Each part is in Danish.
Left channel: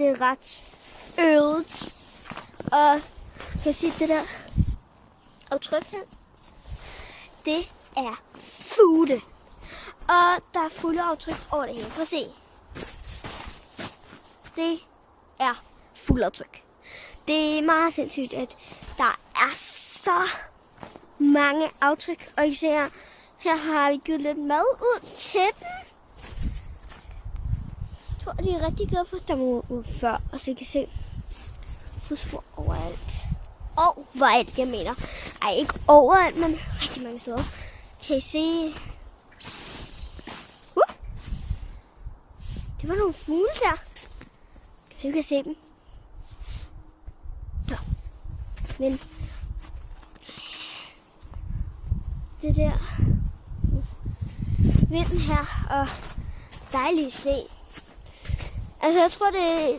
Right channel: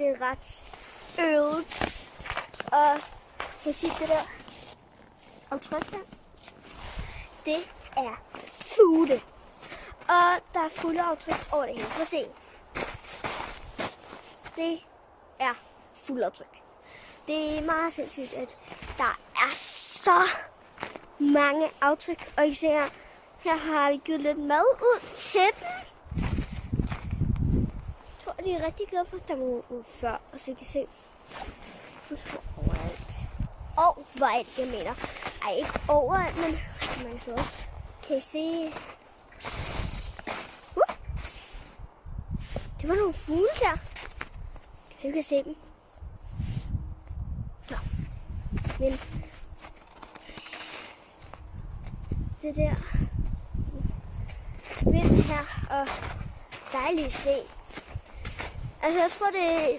det er ret øvet. Og kan sige det der aftryk her. Det er fugle. Og der er fugleaftryk over det hele. Prøv at se. Det er fugleaftryk. Det er meget sindssygt, at der er så mange aftryk. Og især her har vi givet lidt mad ud til dem. Jeg tror, de er rigtig glade for, at der må ud før. Og så kan I se fodspor overalt. Overalt, jeg mener. Ej, ikke overalt, men rigtig mange steder. Kan I se? Det var nogle fugle der. Jeg kan se dem. Ja. Men det der vind her og dejlige sne. Altså jeg tror det er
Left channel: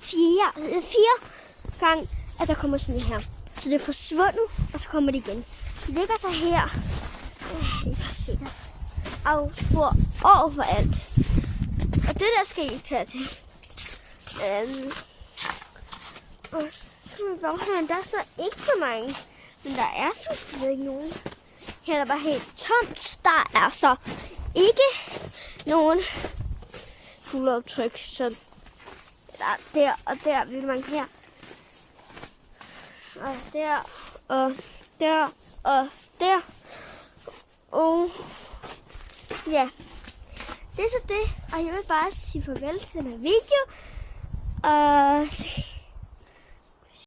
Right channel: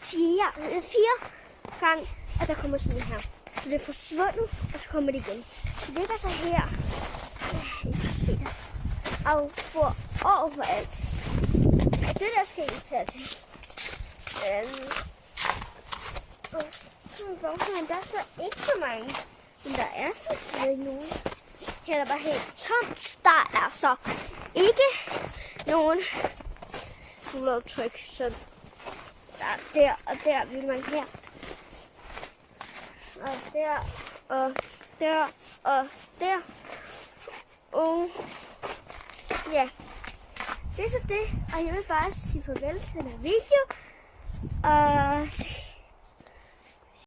fjerde gang, at der kommer sådan her. Så det er forsvundet, og så kommer det igen. Det ligger så her. I kan se der. Afspor overalt. Og det der skal I tage til. Der er så ikke så mange. Men der er så stadig ikke nogen. Her er der bare helt tomt. Der er så ikke nogen fugleaftryk. Så der og der vil man her. Og der og der og der. Og ja, det er så det. Og jeg vil bare sige farvel til den her video. Og